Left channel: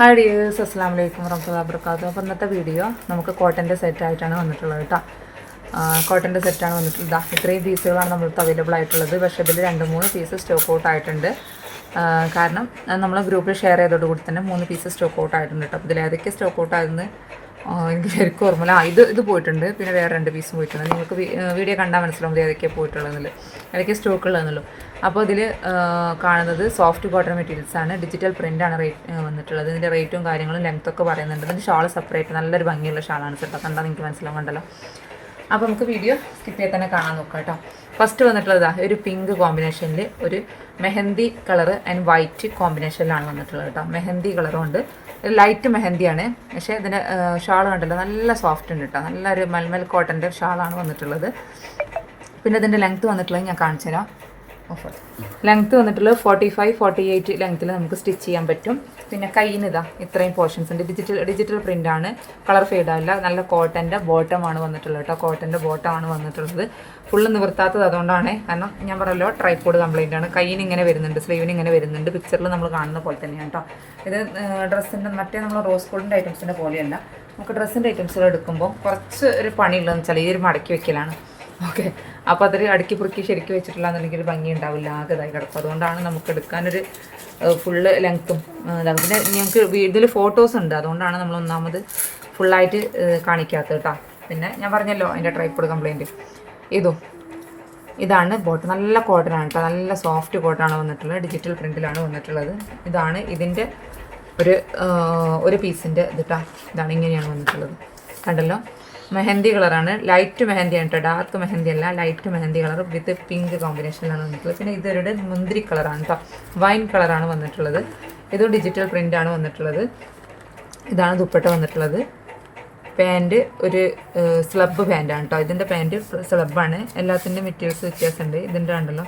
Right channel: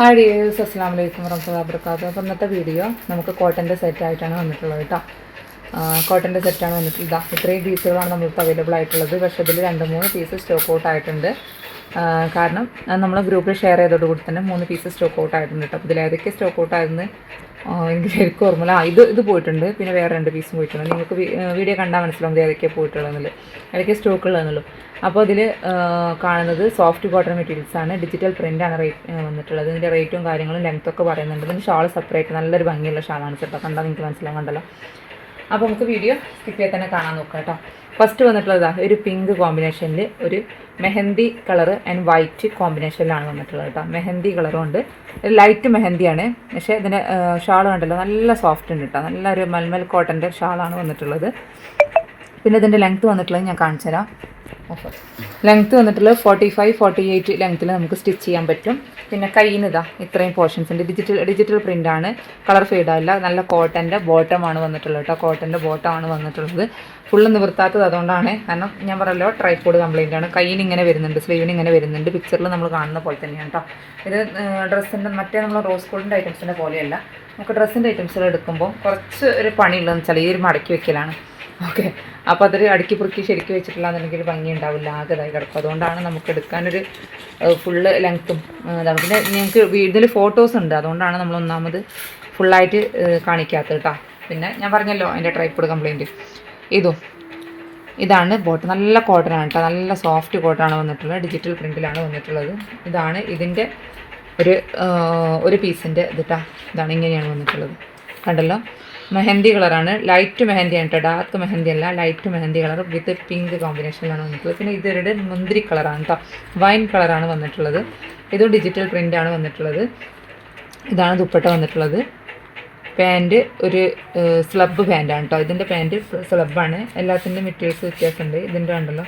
Hi dears അസ്സാം വലൈക്കും വറഹമുല്ലാ വർക്കാത്തു അപ്പോൾ ഇന്നത്തെ വീഡിയോ നമുക്ക് കോട്ടന്റെ സെറ്റായിട്ടാണ് വന്നിട്ടുള്ളത് കേട്ടോ. കോട്ടന്റെ സെറ്റാണ് വന്നിട്ടുള്ളത്. ഇതാ ഇത്രയും പീസുകളാണ് നമ്മൾക്ക് അവൈലബിൾ ആയിട്ടുള്ളത്. പക്ഷേ ഇതിൽ രണ്ട് മൂന്ന് പീസ് സ്റ്റോക്ക് ഔട്ട് ആയിട്ടുണ്ട്. കാരണം നമ്മൾ ഗ്രൂപ്പിൽ ഷെയർ ചെയ്തോട് കൂടി തന്നെ മൂന്ന് പീസ് സ്റ്റോക്ക് ഔട്ട് ആയിട്ടുണ്ട് കേട്ടോ. അപ്പോൾ ഇതിൽ ഏതൊക്കെ സ്റ്റോക്ക് ഔട്ട് ആയെന്ന് ആ, എനിക്ക് ശരിക്കും ഇത് ഇത് പോയിട്ടുണ്ട്. പിന്നെ വേറെ രണ്ട് പീസും പോയിട്ടുണ്ട്. നിങ്ങൾക്ക് വീഡിയോ കണ്ടാൽ മനസ്സിലാവും ഏതൊക്കെയാണ് പോയിട്ടുള്ളതെന്നുള്ളത്. സ്റ്റോക്ക് ഉള്ളതെന്നുള്ളൂ. അപ്പോൾ അതിൽ കാണുന്നത് സോഫ്റ്റ് കോട്ടൺ മെറ്റീരിയൽസ് ആണ്. ഡിജിറ്റൽ പ്രിന്റ് ആണ് റേറ്റ് വന്നിട്ടുള്ളത്. ഇതിന്റെ റേറ്റും കാര്യങ്ങളും ലെങ്ത് ഒക്കെ പറയുന്നുണ്ട്. ഇതിന്റെ ഷാൾ സെപ്പറേറ്റ് നല്ലൊരു ഭംഗിയുള്ള ഷാളാണ് കേട്ടോ. കണ്ടാൽ നിങ്ങൾക്ക് മനസ്സിലാകാൻ കണ്ടല്ലോ. അപ്പോൾ നമുക്ക് വീഡിയോ സ്കിപ്പ് ചെയ്ത് തന്നെ കാണാൻ നോക്കാം കേട്ടോ. ഫസ്റ്റ് വന്നിട്ടുള്ളത് ഒരു പിങ്ക് കോമ്പിനേഷനിൽ ഒരു മെഹന്തി കളർ ആൻഡ് വൈറ്റ് കോമ്പിനേഷനിലാണ് വന്നിട്ടുള്ളത് കേട്ടോ. മെഹന്തി കളറും ഉണ്ട്. ലൈറ്റ് മെഹന്തിയാണ്. പക്ഷേ ഇതിന് ഷാൾ കണ്ടല്ലോ നല്ല സോഫ്റ്റ് ഉണ്ട് കേട്ടോ നല്ലൊരു മൽമൽ കോട്ടന്റെ ഷാളാണ് വന്നിട്ടുള്ളത്. പിന്നെ ഇതിന്റെ ലെങ്ത്ത് വന്നിട്ടുള്ളത് ഞാൻ കാണിച്ചു തരാം ഓക്കെ ലെങ്ത്ത് വന്നിട്ടുള്ള ഫോർട്ടി ഫൈവ് ഫോർട്ടി എയ്റ്റ് ലെങ്ത്തിൽ നമുക്ക് സ്റ്റിച്ച് ചെയ്യാൻ പറ്റും. പിന്നെ കയ്യിൽ ഇതാ ഇത്രയും പോർഷൻസ് ഉണ്ട്. ഡിജിറ്റൽ ഡിജിറ്റൽ പ്രിന്റാണ് കളർ ഫെയ്ഡല്ല നല്ല കോട്ടന്റെ ബോട്ടമാണ് വന്നിട്ടുള്ളത് കേട്ടോ കോട്ടന്റെ ബോട്ടമാണ് വന്നിട്ടുള്ളത്. ഫുള്ള് നിവർത്താത്തത് അതുകൊണ്ടാണ്. കാരണം ഞാൻ പറഞ്ഞല്ലോ ട്രൈപ്പോഡ് കംപ്ലൈന്റ് ആണ്. കയ്യിന് ഇങ്ങനെ വരുന്നുണ്ട് സ്ലീവിന് ഇങ്ങനെ വരുന്നുണ്ട്. പിക്ചറിൽ നമ്മൾ കാണുന്ന പോലെ തന്നെയാണ് കേട്ടോ ഇത് ഡ്രസ്സിന്റെ മറ്റേ നമ്മൾ റോസ് ഗോൾഡിന്റെ ഐറ്റംസിന്റെ പോലെയല്ല. നമുക്ക് ഡ്രസ്സിന്റെ ഐറ്റംസുകൾ എടുക്കുമ്പോൾ കുറച്ച് ഒരു പണിയുള്ളതെന്ന് വെച്ചാൽ ഈ ഒരു മടക്കി വെക്കലാണ്. ഓക്കെ. അപ്പോൾ അതൊരു അടുക്കി പുറുക്കി ശരിക്കും വെച്ചിട്ടില്ലാന്നുണ്ടെങ്കിൽ ഭംഗി ഉണ്ടാവില്ല ആകെ ഇതായി കിടക്കും. അതുകൊണ്ടാണ് നമുക്ക് എടുക്കാനൊരു ഫുള്ള് ലെങ്ത്തും പിന്നെ ഞങ്ങൾക്ക് ഇതിൽ ഫോട്ടോസ് ഉണ്ട്. അതുകൊണ്ടാണ് നമ്മൾ ഒന്നാമത് ഫുള്ളായിട്ട് കാണിക്കാത്തത് കേട്ടോ പിന്നെ ഞാൻ പറഞ്ഞല്ലോ അതിന്റെ ട്രൈപ്പോഡ് കംപ്ലൈന്റ് ഇതും. ഇതാണ് ബോട്ട് നല്ല കോട്ടൺ ആണ് കേട്ടോ നല്ല സോഫ്റ്റ് കോട്ടനാണ് വന്നിട്ടുള്ളത്. ഡിജിറ്റൽ പ്രിന്റിലാണ് വന്നിട്ടുള്ളത്. ഇതാണ് ഇതിന്റെ ഒരു ഒരു പീസിന്റെ ഇതിട്ടാ ഇതാണ് ഇങ്ങനെയാണ് വന്നിട്ടുള്ളത്. കണ്ടല്ലോ? മെഹന്തി കളറാണ്. ലൈറ്റ് മെഹന്തിയാണ് കേട്ടോ ഡാർക്ക് മെഹന്തി അല്ല light mehndi colour with pink കോമ്പിനേഷനിലാണ് വന്നിട്ടുള്ളത്. പിന്നെ ഇതൊരു മുന്തിരി കളറാണ് കേട്ടോ വൈൻ കളറാണ് വന്നിട്ടുള്ളത്. ഇത് ഡിജിറ്റൽ പ്രിന്റാണ് വന്നിട്ടുള്ളത്. ഇതാണ് ദുപ്പട്ട വന്നിട്ടുള്ളത്. പാന്റ് ഒരു സ്ലബ് പാന്റാണ് കേട്ടോ ഇതിന്റെ പാന്റ് സ്ലബാണ് എല്ലാത്തിന്റെ മെറ്റീരിയൽസ് വ്യത്യാസമുണ്ട് ഇതിന്റെ ഉണ്ടല്ലോ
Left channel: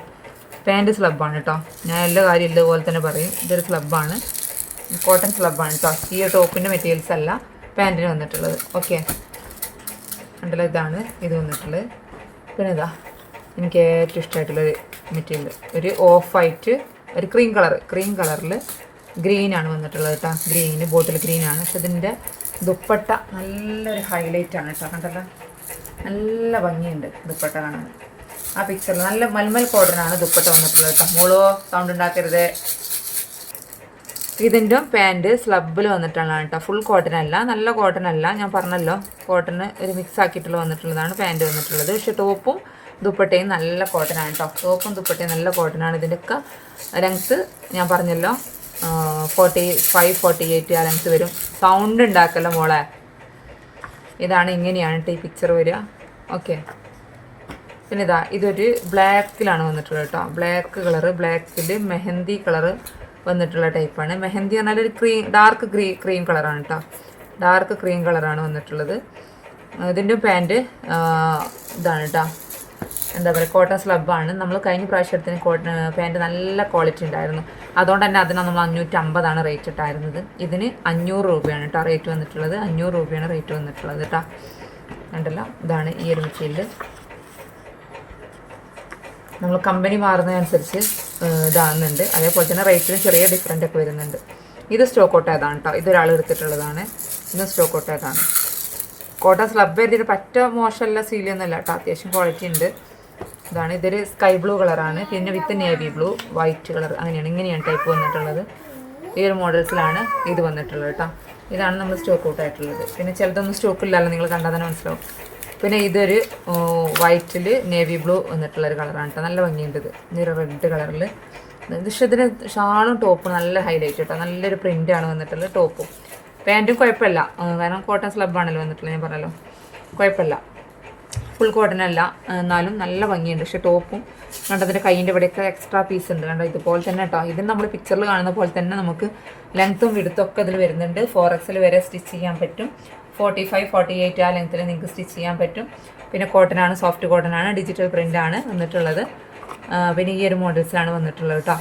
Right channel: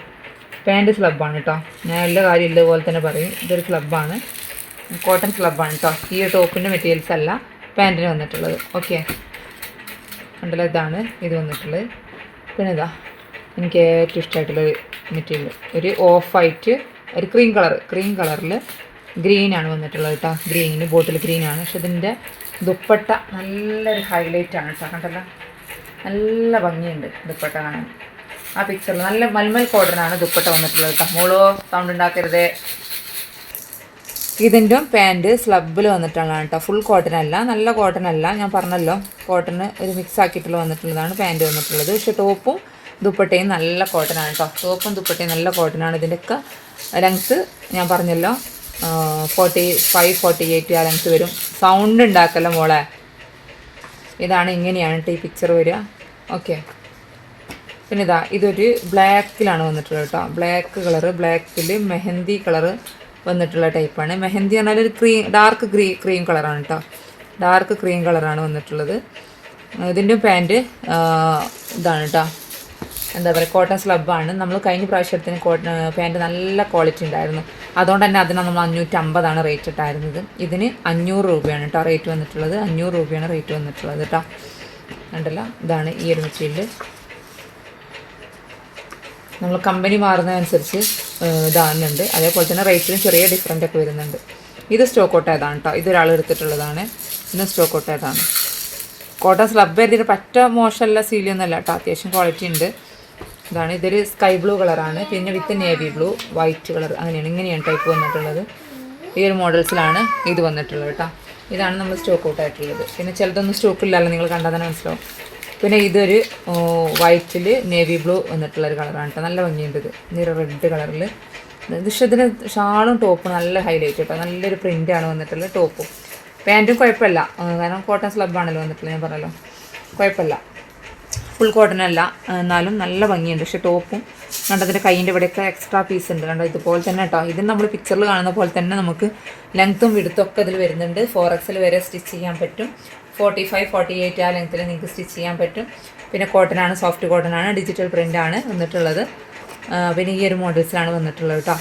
പാന്റ് സ്ലബാണ് കേട്ടോ ഞാൻ എല്ലാ കാര്യം ഇതുപോലെ തന്നെ പറയും. ഇതൊരു സ്ലബാണ് കോട്ടൺ സ്ലബാണ് കേട്ടോ ഈ ടോപ്പിന്റെ മെറ്റീരിയൽസ് അല്ല പാന്റിന് വന്നിട്ടുള്ളത്. ഓക്കെ ഉണ്ടല്ലോ ഇതാണ്. ഇത് വന്നിട്ടുള്ളത് പിന്നെ ഇതാ എനിക്ക് ഏറ്റവും ഇഷ്ടമായിട്ടുള്ളൊരു മെറ്റീരിയൽ. ഒരു ഓഫ് വൈറ്റ് ഒരു ക്രീം കളർ ക്രീം കളറിൽ ഗ്രീനാണ് വന്നിട്ടുള്ളത് കേട്ടോ ഗ്രീന് ബോട്ടിൽ ഗ്രീനാണ് പക്ഷെ ഇതിന്റെ ദുപ്പട്ട നല്ലൊരു ഹൈലൈറ്റ് ആണ് കേട്ടോ കണ്ടല്ലോ? നല്ല ഭംഗിയുണ്ട് ദുപ്പട്ട കാണാൻ. ആ പിക്ചറിൽ നല്ല മൽമൽ പൗഡറിനാണ് ദുപ്പട്ട വന്നിട്ടുള്ളത് കേട്ടോ മോളോ സൗണ്ട് ഉണ്ടാക്കരുതേ. ഇതിന്റെ പാന്റ് സ്ലബിൽ വന്നിട്ടുള്ളതാണ് കേട്ടോ. ഫുൾ കോട്ടൺ അല്ല. നല്ല കോട്ടൺ അല്ല. ഞാൻ പറഞ്ഞല്ലോ കോട്ടൺ ഒരു മിക്സ് ആക്കിയിട്ടുള്ള വന്നിട്ടുള്ളതാണ് പാന്റ് വന്നിട്ടുള്ളത്. പക്ഷേ ടോപ്പും ദുപ്പട്ടയും നല്ല കോട്ടനാണ് കേട്ടോ. ടോപ്പും ദുപ്പട്ടയും നല്ല കോട്ടനാണ് ഇതിന്റെയൊക്കെ ലെങ്ത്ത് ഞാൻ പറഞ്ഞല്ലോ ഫോർട്ടി ഫൈവ് ഫോർട്ടി എയ്റ്റ് ആ ലെങ്ത്ത് വരും. സൗണ്ട് ഉണ്ടാക്കല്ലോ മോളെ. ഇതാണ് ഇങ്ങനെയാണ് കേട്ടോ ഈ പിക്ചർ വരിക. ഓക്കെ പിന്നെ ഇതാ ഇതൊരു ബ്ലാക്കിലാണ് വന്നിട്ടുള്ളത് കേട്ടോ. ബ്ലാക്ക് കളറ് ബ്ലാക്കിൽ മെഹന്തി കളറ് വന്നിട്ടുള്ള ടൈപ്പാണ്. മെഹന്തി പറഞ്ഞാൽ ഒരു ക്രീം ഡാർക്ക് ക്രീ ക്രീം കളറാണ് കേട്ടോ ഡാർക്ക് ക്രീം കളറാണ് വന്നിട്ടുള്ളത്. ഇതിന്റെ പാന്റ് ഇതാണ് കേട്ടോ എന്താ പറയുക കോട്ടൺ സ്ലബാണ് നമ്മൾ കഴിഞ്ഞ പ്രാവശ്യത്തിന് കോട്ടൺ പാന്റ് നല്ല ക്വാളിറ്റി ഉണ്ടായിരുന്നു. അതുകൊണ്ട് തന്നെ അതിന് നമ്മൾ അഞ്ഞൂറ്റമ്പതാണ് റേറ്റ് ഇട്ടായിരുന്നത്. ഇതിന് അഞ്ഞൂറ് രൂപയാണ് കേട്ടോ റേറ്റ് വന്നിട്ടുള്ളത്. അഞ്ഞൂറ് രൂപയാണ് റേറ്റ് വന്നിട്ടുള്ളത് കേട്ടോ കണ്ടല്ല? ഇതാണ് ഈ ഒരു മെറ്റീരിയൽ നമ്മൾ കമ്പനി മാറുന്നതനുസരിച്ച് ഇതാകുന്നുണ്ട് അതേപോലെ തന്നെ റേറ്റിലും ചെറിയ ഡിഫറന്റ് ഒക്കെ വരുന്നുണ്ട്. ഇത് സ്റ്റോക്ക് ഔട്ട് ആയതാണ് കേട്ടോ ഇതൊരാൾ എടുത്തിട്ടുള്ളതാണ്. ഇന്ന് സ്റ്റോക്ക് ഔട്ട് ആയതാണ്. കോട്ടൺ സ്ലബ് എഴുതിയിട്ട് പറ്റ മോശമല്ല സീലിയൊന്നുമല്ല കേട്ടോ അത്യാവശ്യം ക്വാളിറ്റി ഉണ്ട്. ഇതാണ്. ഇതൊരു സ്കൈ ബ്ലൂ കളറാണ് പിന്നെ with navy blue white colour അങ്ങനെയാണ്. ഇങ്ങനെയാണ് ടൈപ്പ് വന്നിട്ടുള്ളത്. ഈ ഒരു മോഡൽസിലാണ് ഇത് വന്നിട്ടുള്ളത് കേട്ടോ ഇതാണ് നമ്മൾ സ്റ്റോക്ക് ഔട്ട് ആയിട്ടുള്ളത്. പിന്നെ ചിലതൊന്നും സ്റ്റോക്ക് ഇല്ലല്ലോ നിങ്ങൾ കണ്ടാൽ തന്നെ മനസ്സിലാവും. പിന്നെ ഇതൊരു വൈറ്റിൽ നേവി ബ്ലൂ എന്നിട്ടുള്ളൊരു കളറാണ് കേട്ടോ നല്ല ഭംഗിയുണ്ട് ഇത്. നിറ റെഡ് കളറിൽ പക്ഷേ ഇതിന് ഷാളും ടോപ്പും നല്ല ഹൈലൈറ്റ് കേട്ടോ നല്ലൊരു പ്രിന്റാണ് വന്നിട്ടുള്ളത് ടോപ്പും. പാന്റും കുഴപ്പമില്ല. കാരണം കോട്ടൺ സ്ലബാണല്ലോ വന്നിട്ടുള്ളത് ഞാൻ പറഞ്ഞല്ലോ. കുഴപ്പമില്ല. ഫുൾ കോട്ടൺ അല്ല. എന്നാലും നല്ല ഭംഗിയുണ്ട്. പക്ഷേ ടോപ്പും കണ്ടതിന്റെ കൈയിന്റെ ഇവിടെയൊക്കെ എക്സ്ട്രാ പീസ് ഉണ്ട്. കണ്ടോ ഇതുപോലെ തന്നെ കേട്ടോ ഇത് നമ്മൾ പിക്ചറിൽ കാണുന്ന പോലെ തന്നെ നമുക്ക് ലെങ്ത്തും വിടുത്തും ഒക്കെ ഇതിൽ വരുന്നുണ്ട്. ഫോർ എക്സിൽ വരെ സ്റ്റിച്ച് ചെയ്യാൻ പറ്റും. ഫോർട്ടി ഫൈവ് ഫോർട്ടി എയ്റ്റ് ആ ലെങ്ത്തിൽ നിങ്ങൾക്ക് സ്റ്റിച്ച് ചെയ്യാൻ പറ്റും. പിന്നെ കോട്ടനാണ് സോഫ്റ്റ് കോട്ടനാണ് ഡിജിറ്റൽ പ്രിന്റ് ആണ് വന്നിട്ടുള്ളത്. പിന്നെ ഈ ഒരു മോഡൽസിലാണ് വന്നിട്ടുള്ളത് കേട്ടോ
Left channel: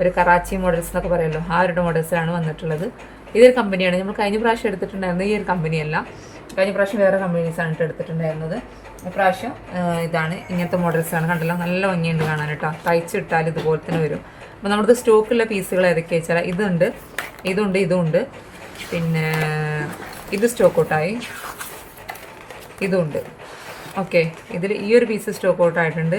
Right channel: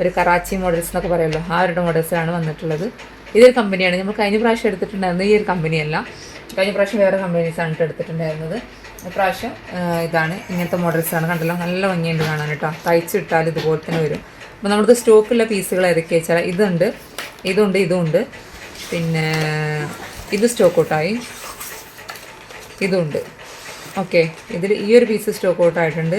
ഒരു കറാച്ചി മോഡൽസ് എന്നൊക്കെ പറയുമല്ലോ ആ ഒരു മോഡൽസിലാണ് വന്നിട്ടുള്ളത്. ഇതൊരു കമ്പനിയാണ് നമ്മൾ കഴിഞ്ഞ പ്രാവശ്യം എടുത്തിട്ടുണ്ടായിരുന്നത് ഈ ഒരു കമ്പനിയല്ല കഴിഞ്ഞ പ്രാവശ്യം വേറെ കമ്പനീസാണ് കേട്ടോ എടുത്തിട്ടുണ്ടായിരുന്നത്. ഇപ്രാവശ്യം ആ, ഇതാണ്. ഇങ്ങനത്തെ മോഡൽസാണ് കണ്ടല്ലോ? നല്ല ഭംഗിയുണ്ട് കാണാൻ കേട്ടോ തയ്ച്ചിട്ടാൽ ഇതുപോലെ തന്നെ വരും. അപ്പോൾ നമുക്ക് സ്റ്റോക്കുള്ള പീസുകൾ ഏതൊക്കെയാ വെച്ചാൽ ഇതുണ്ട്. ഇതുണ്ട് ഇതുണ്ട്. പിന്നെ ഇത് സ്റ്റോക്ക് ഔട്ടായി ഇതുണ്ട്. ഓക്കെ ഇതിൽ ഈ ഒരു പീസ് സ്റ്റോക്ക് ഔട്ട് ആയിട്ടുണ്ട്.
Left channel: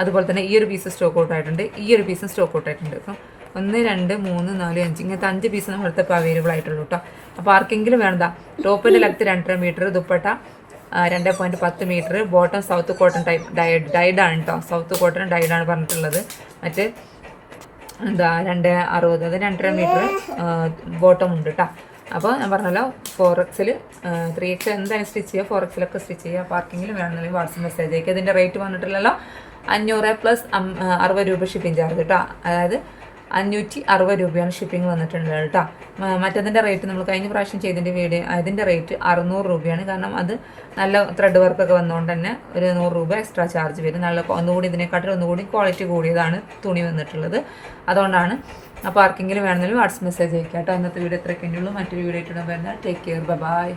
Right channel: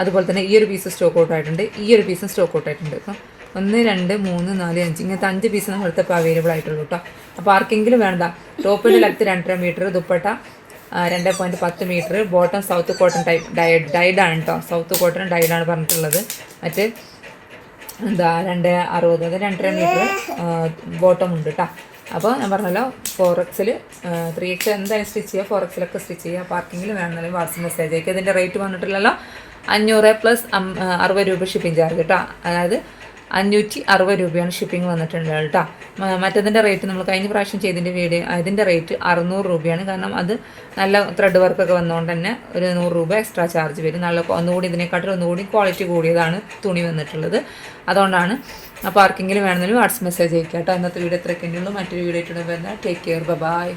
അതുപോലെ തന്നെ ഈ ഒരു പീസ് സ്റ്റോക്ക് ഔട്ട് ആയിട്ടുണ്ട്. ഈ ഒരു പീസും സ്റ്റോക്ക് ഔട്ട് ആയിട്ടുണ്ട് അപ്പം ഒന്ന് രണ്ട് മൂന്ന് നാല് അഞ്ച് ഇങ്ങനത്തെ അഞ്ച് പീസ് നമ്മളടുത്ത് ഇപ്പോൾ അവൈലബിൾ ആയിട്ടുള്ളൂ കേട്ടോ അപ്പോൾ ആർക്കെങ്കിലും വേണ്ട ടോപ്പിന്റെ ലെഫ്റ്റ് രണ്ടര മീറ്റർ ദുപ്പട്ട രണ്ട് പോയിന്റ് പത്ത് metre bottom south cotton type dye ഡൈഡാണ് കേട്ടോ സൗത്ത് കോട്ടൺ ഡൈഡാണ് പറഞ്ഞിട്ടുള്ളത്. മറ്റ് എന്താ രണ്ട് അറുപത് അത് രണ്ടര മീറ്റർ ബോട്ടം ഉണ്ട് കേട്ടോ അപ്പോൾ ഞാൻ പറഞ്ഞല്ലോ ഫോർ എക്സിൽ ത്രീ എക്സ് എന്തായാലും സ്റ്റിച്ച് ചെയ്യുക ഫോർ എക്സിലൊക്കെ സ്റ്റിച്ച് ചെയ്യുക പാർക്കിങ്ങിൽ വേണമെന്നുണ്ടെങ്കിൽ വാട്സപ്പ് മെസ്സേജ് അയക്കുക ഇതിന്റെ റേറ്റ് വന്നിട്ടില്ലല്ലോ അഞ്ഞൂറ് പ്ലസ് അറുപത് രൂപ ഷിപ്പിംഗ് ചാർജ് കേട്ടോ അതായത് അഞ്ഞൂറ്റി അറുപത് രൂപയാണ് ഷിപ്പിംഗ് വന്നിട്ടുള്ളത് കേട്ടോ. മറ്റതിന്റെ റേറ്റ് നമ്മൾ കഴിഞ്ഞ പ്രാവശ്യം ചെയ്തതിന്റെ വീട് അതിന്റെ റേറ്റ് അറുന്നൂറ് രൂപയാണ്. കാരണം അത് നല്ല ത്രെഡ് വർക്കൊക്കെ വന്നുകൊണ്ട് തന്നെ ഒരു നൂറ് രൂപ എക്സ്ട്രാ ചാർജ് വരും. നല്ല ഒന്നുകൂടി ഇതിനെക്കാട്ടിൽ ഒന്നുകൂടി ക്വാളിറ്റി കൂടിയതാണ് തുണി വന്നിട്ടുള്ളത്. അതുകൊണ്ടാണ് അപ്പോൾ ആർക്കെങ്കിലും വേണമെങ്കിലും വാട്സ് മെസ്സേജ് അയക്കാം കേട്ടോ. അന്നത്തെ വീട് എത്ര ഉള്ളൂ. മറ്റൊരു വീഡിയോ ആയിട്ടുള്ള ബന്ധം ടേക്ക് കെയർ ബൈ